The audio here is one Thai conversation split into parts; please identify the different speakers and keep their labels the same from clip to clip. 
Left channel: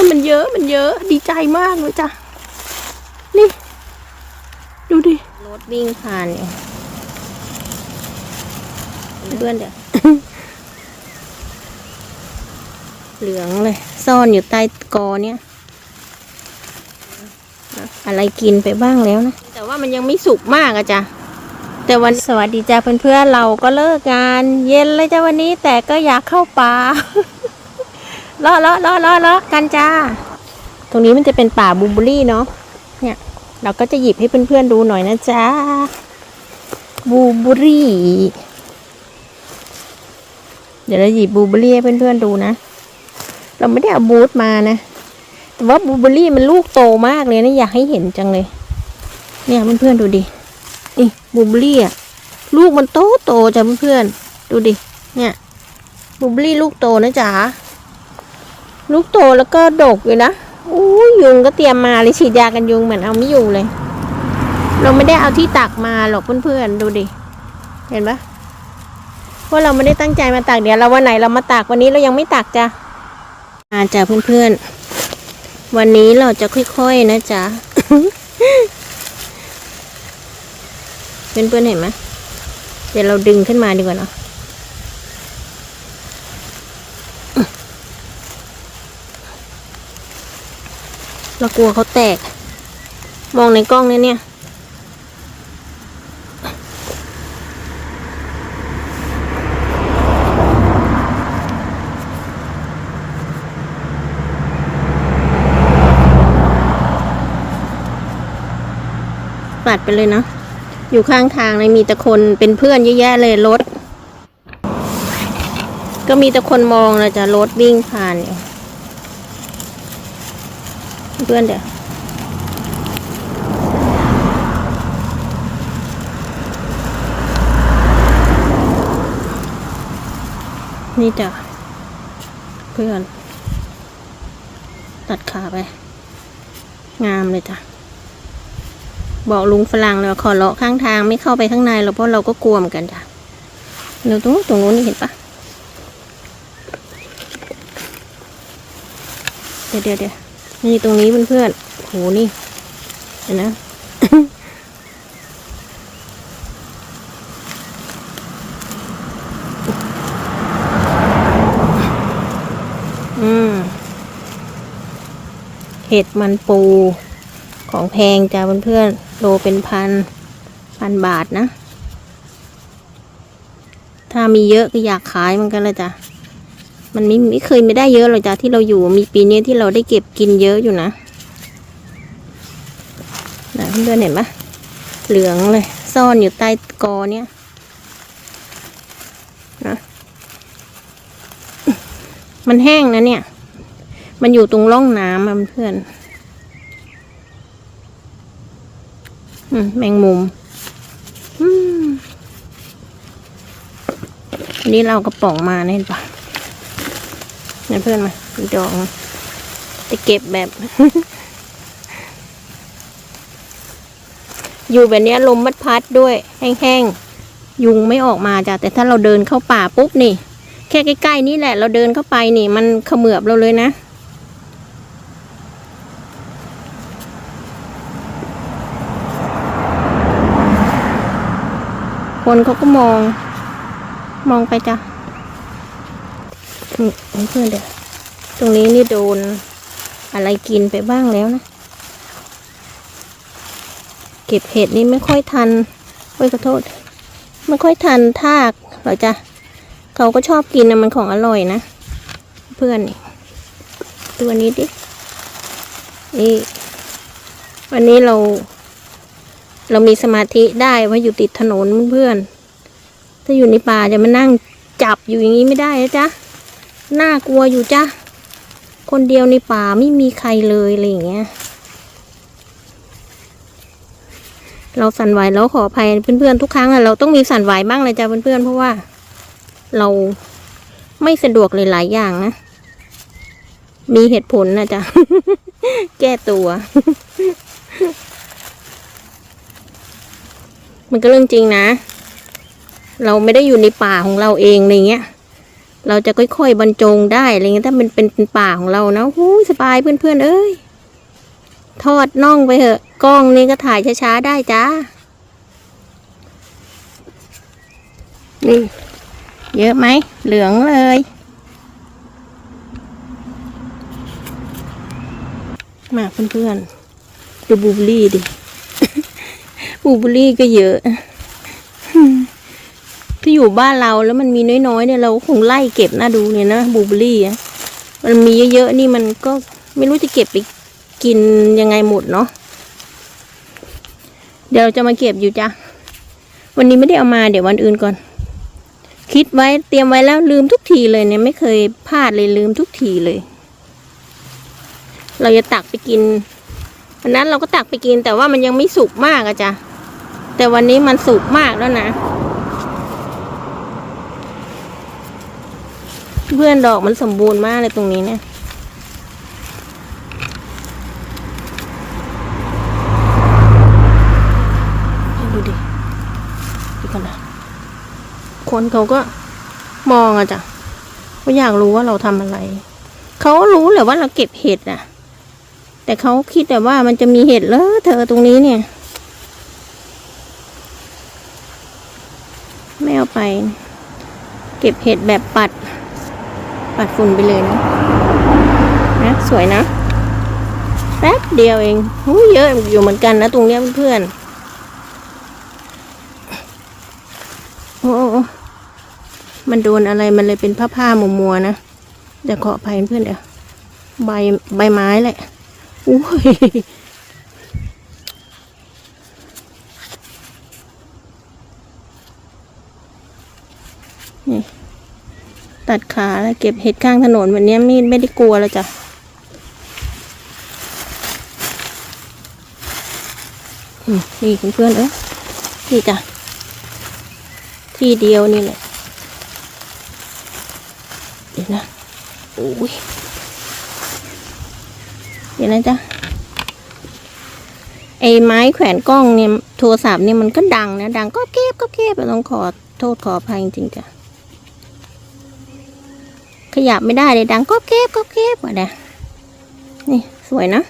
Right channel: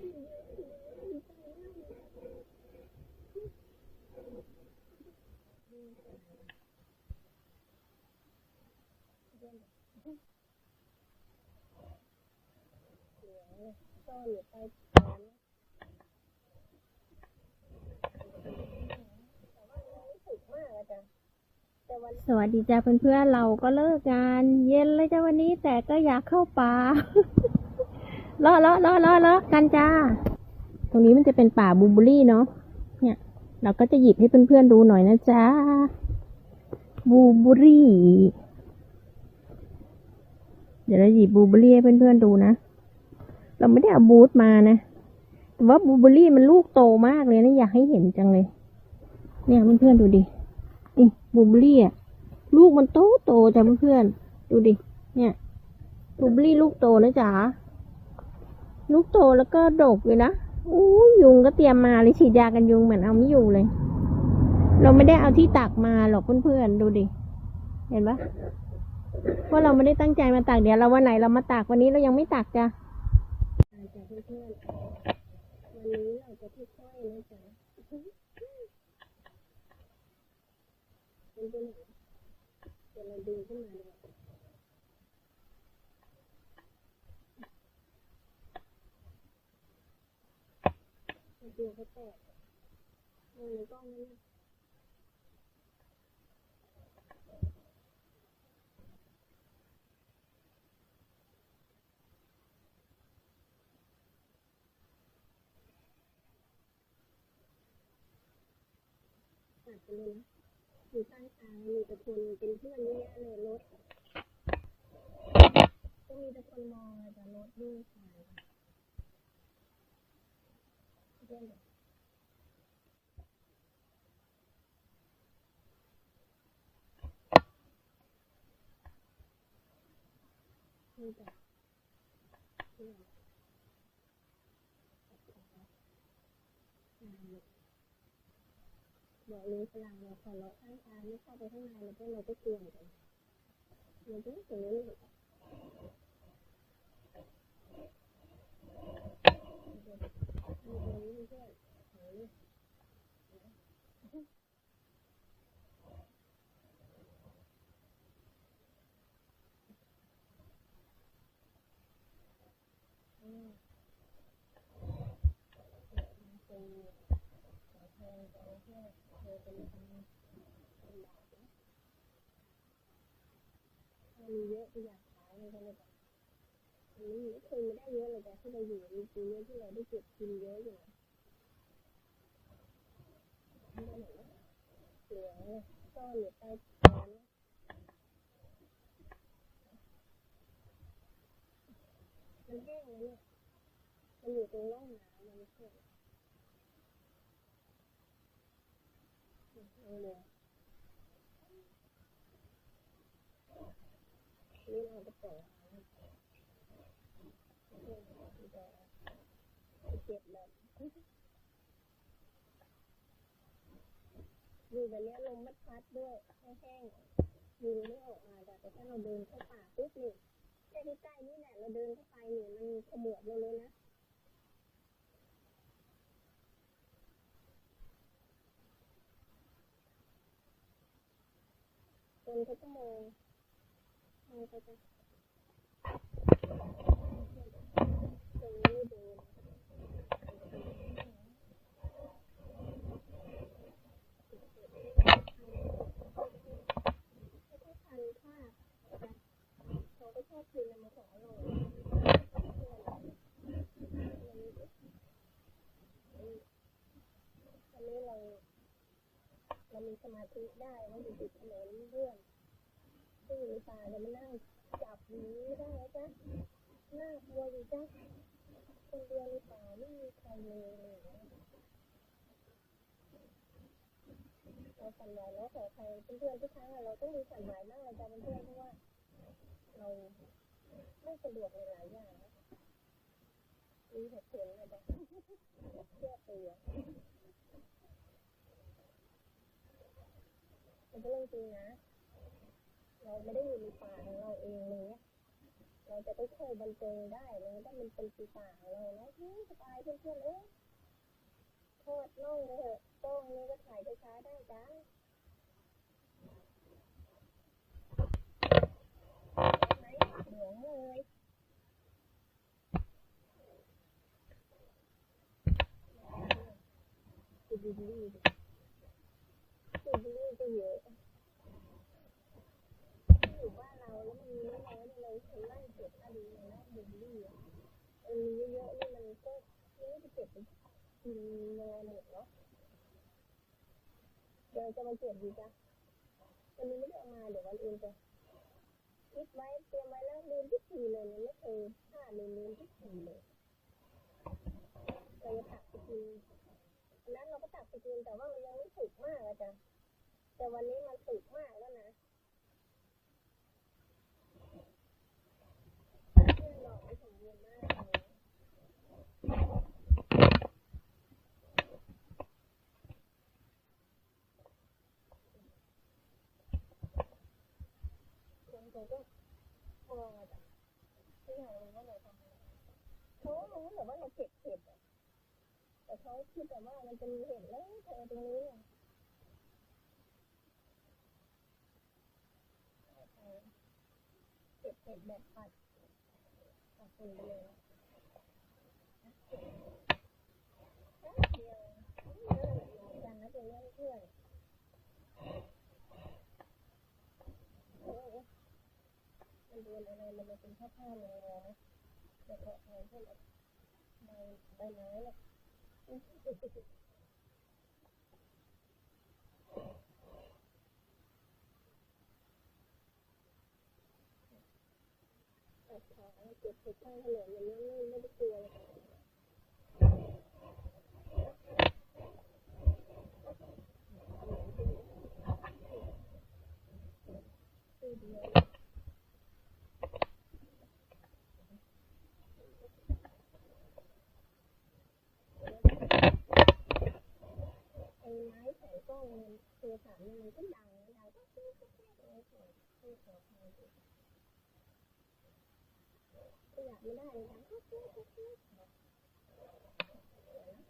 Speaker 1: อนๆมันเยอะมันเยอะดีใจมากเลยจ้ะ นี่ ดูดิ รถวิ่งผ่านเนี่ยเพื่อนเดี๋ยวเหลืองเลย ซ่อนอยู่ใต้กอเนี่ยนะอะไรกินไปบ้างแล้วนะ แต่ว่ามันยังไม่สุกมากอะจ้ะแต่วันสวัสดีจ้าเพื่อนๆเราก็เลิกงาน เย็นเลยจ้าวันนี้แต่ก็อยากเข้าป่า เลาะเลาะเลาะเลาะเลาะกันจ้า ตรงนี้มันจะเป็นป่าบูบอรี่เนาะ เนี่ย เราก็จะหยิบให้เพื่อนๆดูหน่อยนะจ๊ะบูบอรี่ เดี๋ยวเราหยิบบูบอรี่ให้เพื่อนๆดูนะ เราไม่ได้เอาบูธมานะ แต่ว่าบูบอรี่มันลูกโตมากเลยนะอยากให้เห็นจังเลย เนี่ยเพื่อนๆดูดิ นี่บูบอรี่อะลูกมันโตโตจ้ะเพื่อนๆดูดิ เนี่ยบูบอรี่ลูกโตนะจ๊ะ ลูกโตแล้วก็ดกอยู่นะอู้ยุงก็เตรียมมาเลยฉีดยากันยุงเหมือนเอาไม่อยู่เลย เราไม่ได้เอาที่ตักมาหรอกเพื่อนๆดูดิ เห็นปะเพราเราไม่ได้ตั้งใจมาตักเดี๋ยวเราวันไหนเรามาตักวันนี้เรายังไม่ตักจ้ะมาจ้ะเพื่อนๆ วันนี้เราจะค่อยๆนะจ๊ะ เพื่อนๆเห็นไหมเดี๋ยวเราดึงขึ้นมาดีกว่าเนาะ เรากลัวเขาแตก มองในกล้องเนี่ยเนี่ยปัดไปเลยนะอยู่ข้างทางเลยมีแต่คนเป็นเพื่อนเยอะแยะเลยรถ ก็มีแต่คนมองเลยจะรถวิ่งผ่านอยู่ เพื่อนเดี๋ยวนี่จ้ะเพื่อน ตัดขาไป งามเลยจ้ะบอกลุงฝรั่งเลยว่าขอเลาะข้างทางไม่เข้าไปข้างในหรอกเพราะเราก็กลัวเหมือนกันจ้ะเดี๋ยวตรงนู้นตรงนู้นนี่เห็นปะเดี๋ยวเดี๋ยวเดี๋ยว นี่ตรงนี้เพื่อนๆโหนี่เห็นนะอืมเห็ดมันปูของแพงจ้าเพื่อนๆโลเป็นพันพันบาทนะ ถ้ามีเยอะก็อยากขายมือนกันเลยจ้ะ มันไม่ไม่เคยไม่ได้เยอะหรอกจ้ะที่เราอยู่มีปีนี้ที่เราได้เก็บกินเยอะอยู่นะนะเพื่อนเห็นปะเหลืองเลย ซ่อนอยู่ใต้กอเนี้ยนะมันแห้งนะเนี่ย มันอยู่ตรงร่องน้ำเพื่อนอมแมงมุมอืมอันนี้เรากระป๋องมาเนี่ยเห็นปะ นี่เพื่อนมาดูดองจะเก็บแบบ อยู่แบบนี้ลมมัดพัดด้วย แห้งๆ ยุงไม่ออกมาจ้ะแต่ถ้าเราเดินเข้าป่าปุ๊บนี่ แค่ใกล้ๆนี่แหละ เราเดินเข้าไปนี่ มันเขมือบเราเลยนะคนเขาก็มอง มองไปจ้ะ นี่เพื่อนเดี๋ยวตรงนี้นี่โดนอะไรกินไปบ้างแล้วนะ เก็บเห็ดนี่ไม่ค่อยทันเอ้ยขอโทษ ไม่ค่อยทันทากหรอจ้ะเขาก็ชอบกินนะมันของอร่อยนะ เพื่อนนี่ตัวนี้ดิ นี่ วันนี้เรา เรามีสมาธิได้ว่าอยู่ติดถนนเพื่อน ถ้าอยู่ในป่าจะมานั่งจับอยู่อย่างนี้ไม่ได้นะจ๊ะ น่ากลัวอยู่จ้ะ คนเดียวในป่าไม่มีใครเลยอะไรอย่างเงี้ย เราสั่นไหวแล้วขออภัยเพื่อนๆทุกครั้งอะเราต้องมีสั่นไหวบ้างเลยจ้ะเพื่อนๆเพราะว่า เราไม่สะดวกเลยหลายอย่างนะ มีเหตุผลนะจ๊ะ แก้ตัว มันก็เรื่องจริงนะ เราไม่ได้อยู่ในป่าของเราเองอะไรเงี้ย เราจะค่อยๆบรรจงได้อะไรเงี้ยถ้ามันเป็นเป็นป่าของเรานะหูยสบายเพื่อนๆเอ้ยทอดน่องไปเถอะกล้องนี้ก็ถ่ายช้าๆได้จ้านี่เยอะไหมเหลืองเลยมาเพื่อนๆดูบูเบอรี่ดิ บูเบอรี่ก็เยอะ อยู่บ้านเราแล้วมันมีน้อยๆเนี่ยเราคงไล่เก็บน่าดูเนี่ยนะบูเบอรี่อะมันมีเยอะๆนี่มันก็ไม่รู้จะเก็บไปกินยังไงหมดเนาะเดี๋ยวเราจะมาเก็บอยู่จ้ะวันนี้ไม่ได้เอามาเดี๋ยววันอื่นก่อน คิดไว้เตรียมไว้แล้วลืมทุกทีเลยเนี่ยไม่เคยพลาดเลยลืมทุกทีเลย เราจะตักไปกินวันนั้นเราก็ตักไปกินแต่ว่ามันยังไม่สุกมากอะจ้ะแต่วันนี้มันสุกมากแล้วนะ เพื่อนดอกมันสมบูรณ์มากเลยตรงนี้เนี่ยดูดิดูกันนะคนเขาก็มองอะจ้ะเขาอยากรู้ว่าเราทำอะไร เขารู้แหละว่าเราเก็บเห็ดอะแต่เขาคิดแต่ว่ามันจะมีเห็ดเลอเธอตรงนี้เนี่ยไม่เอาไป เก็บเห็ดแบบปัด ปัดฝุ่นไปเลยนะนะสวยนะแป๊บเดียวเองหูเยอะอยู่เหมือนกันนะ ตรงเนี้ยเพื่อนโอ้โอ้มันโดนอะไรมันเลยเป็นผ้าผ้ามัวมัวๆนะเดี๋ยวขออภัยเพื่อนเดี๋ยวใบใบไม้แหละอุ้ย ตัดขาแล้วเก็บเห็ดข้างถนนวันนี้ไม่ไม่ได้กลัวแล้วจ้ะนี่เพื่อนเอ้ยนี่จ้ะ ที่เดียวนี่แหละเดี๋ยวนะโอ้ยเดี๋ยวนะจ๊ะไอ้ไม้แขวนกล้องเนี่ยโทรศัพท์เนี่ยมันก็ดังนะ ดังก็เก็บก็เก็บต้องขอโทษขออภัยจริงๆจ้ะ ขยับไม่ได้เลยดังก็เก็บก็เก็บอะนะนี่สวยนะ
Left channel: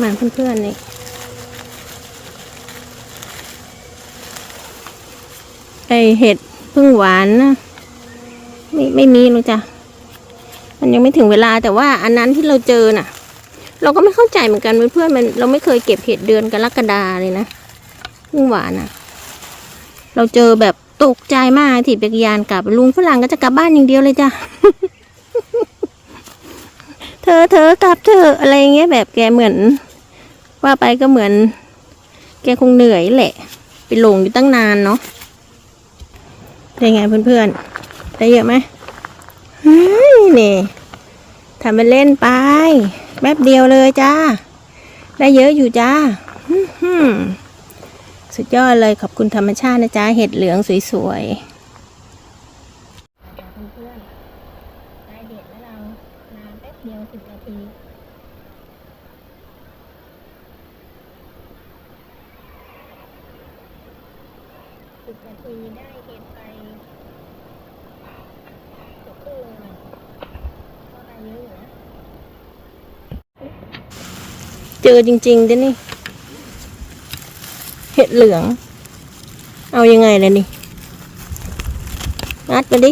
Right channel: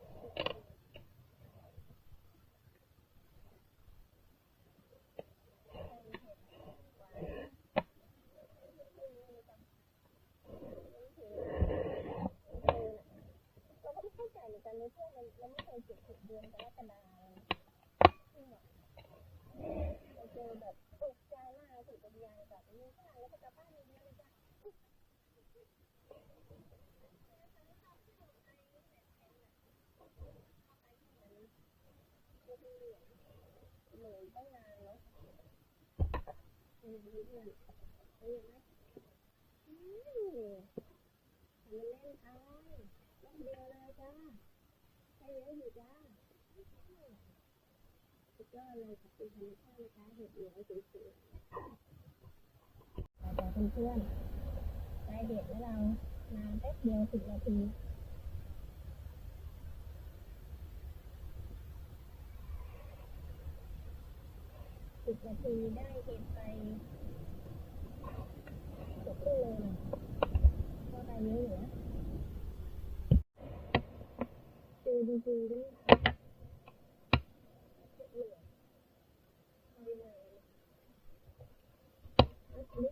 Speaker 1: มาเพื่อนๆนี่ไอเห็ดพึ่งหวานนะไม่ไม่มีหรอกจ้ะมันยังไม่ถึงเวลาแต่ว่าอันนั้นที่เราเจอน่ะ เราก็ไม่เข้าใจเหมือนกันเพื่อนๆมันเราไม่เคยเก็บเห็ดเดือนกรกฎาเลยนะพึ่งหวานอะ เราเจอแบบ ตกใจมากถีบจักรยานกลับ ลุงฝรั่งก็จะกลับบ้านอย่างเดียวเลยจ้ะ เธอเธอกลับเธออะไรเงี้ยแบบแกเหมือน ว่าไปก็เหมือน แกคงเหนื่อยแหละ ไปหลงอยู่ตั้งนานเนาะเป็นไงเพื่อนๆได้เยอะไหมนี่ทำไปเล่นไป แป๊บเดียวเลยจ้า ได้เยอะอยู่จ้า สุดยอดเลยขอบคุณธรรมชาตินะจ๊ะ เห็ดเหลืองสวยๆเพื่อนๆได้เด็ดแล้วเรานานแป๊บเดียวสิบนาทีสิบนาทีได้เห็ดไปเกือบครึ่งโลนะก็ได้เยอะอยู่นะเจอจริงๆด้วยนี่ เห็ดเหลือง เอายังไงล่ะนี่งัดมาดิ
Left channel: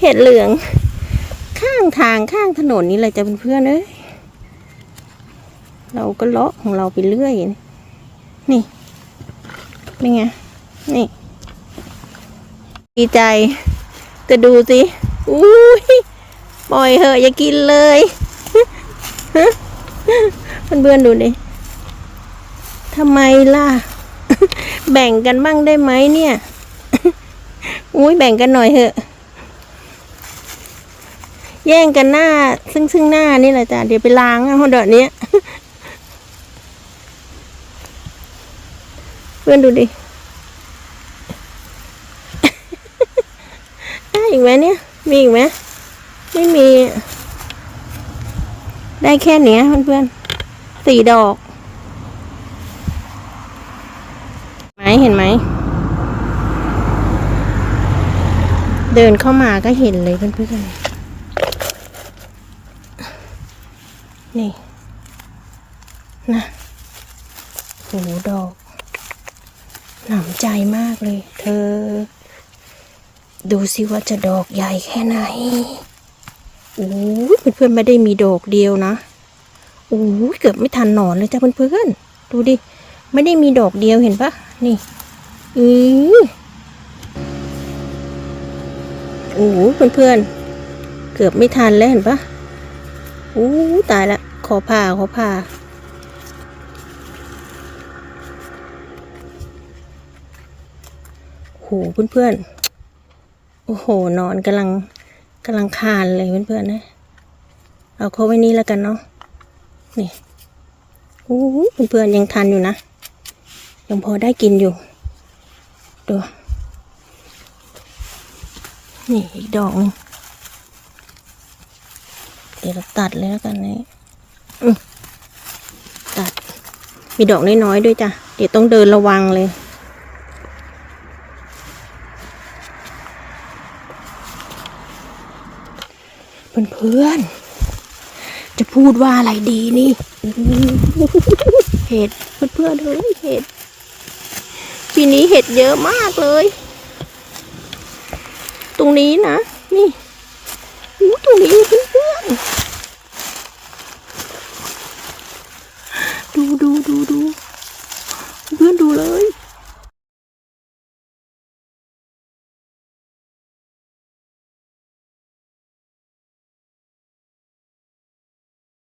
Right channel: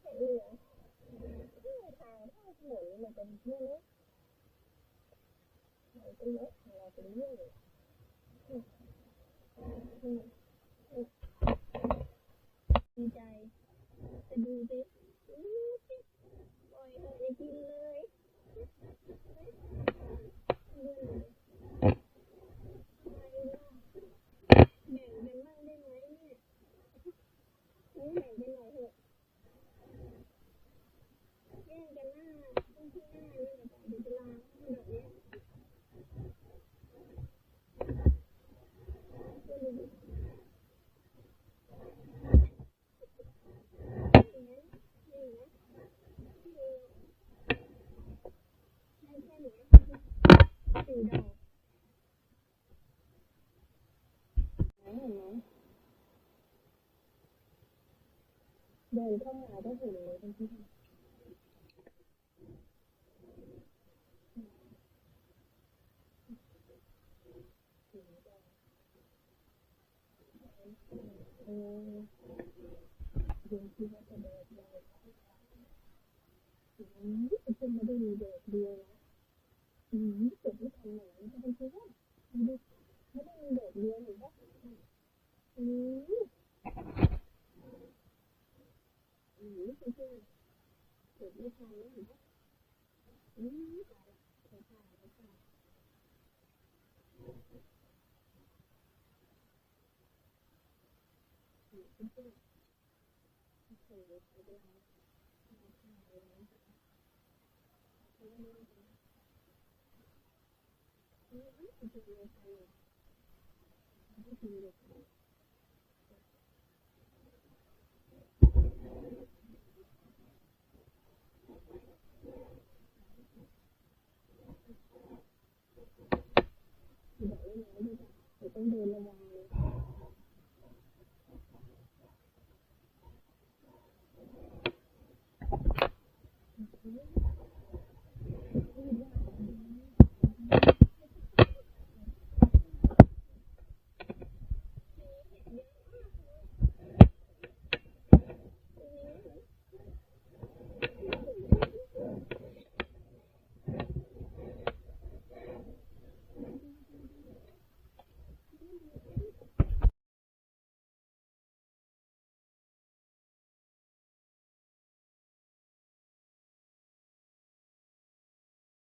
Speaker 1: เห็ดเหลือง ข้างทางข้างถนนนี่เลยจะเป็นเพื่อนเอ้ยเราก็เลาะของเราไปเรื่อย นี่เป็นไง นี่ ดีใจ แต่ดูสิอุ้ยปล่อยเหอะอย่ากินเลย เพื่อนๆดูดิ ทำไมล่ะ แบ่งกันบ้างได้ไหมเนี่ย อุ้ยแบ่งกันหน่อยเถอะ แย่งกันหน้า ซึ่งซึ่งหน้านี่แหละจ้ะ เดี๋ยวไปล้างเอาเดี๋ยวนี้เพื่อนดูดิ ได้อีกไหมเนี่ย มีอีกไหมไม่มี ได้แค่เนี้ยเพื่อนๆสี่ดอก มา เห็นไหม เดินเข้ามาก็เห็นเลยเพื่อนๆ นี่ นะโหดอก หนำใจมากเลย เธอ ดูสิว่าจะดอกใหญ่แค่ไหนโอ้เพื่อนๆไม่ได้มีดอกเดียวนะโอ้เกือบไม่ทันหนอนเลยจ้ะเพื่อนๆ ดูดิ ไม่ได้มีดอกเดียวเห็นปะนี่อือโอ้โหเพื่อนๆเกือบไม่ทันแล้วเห็นปะอู้ตายละขอผ่าขอผ่าโหเพื่อนๆ โอ้โห นอนกำลังกำลังคานเลยเพื่อนๆนะ เอาเขาไว้นี่แล้วกันเนาะ นี่ โอ้เพื่อนๆ ยังทันอยู่นะ ยังพอได้กินอยู่ ดู นี่อีกดอกนึงเดี๋ยวเราตัดเลยแล้วกันนี่ตัด มีดอกน้อยๆด้วยจ้ะ เดี๋ยวต้องเดินระวังเลยเพื่อนๆ จะพูดว่าอะไรดีนี่ เห็ดเพื่อนๆเฮ้ยเห็ด ปีนี้เห็ดเยอะมากเลย ตรงนี้นะ นี่อ้ตรงนี้เพื่อนดูดูดูดูเพื่อนดูเลย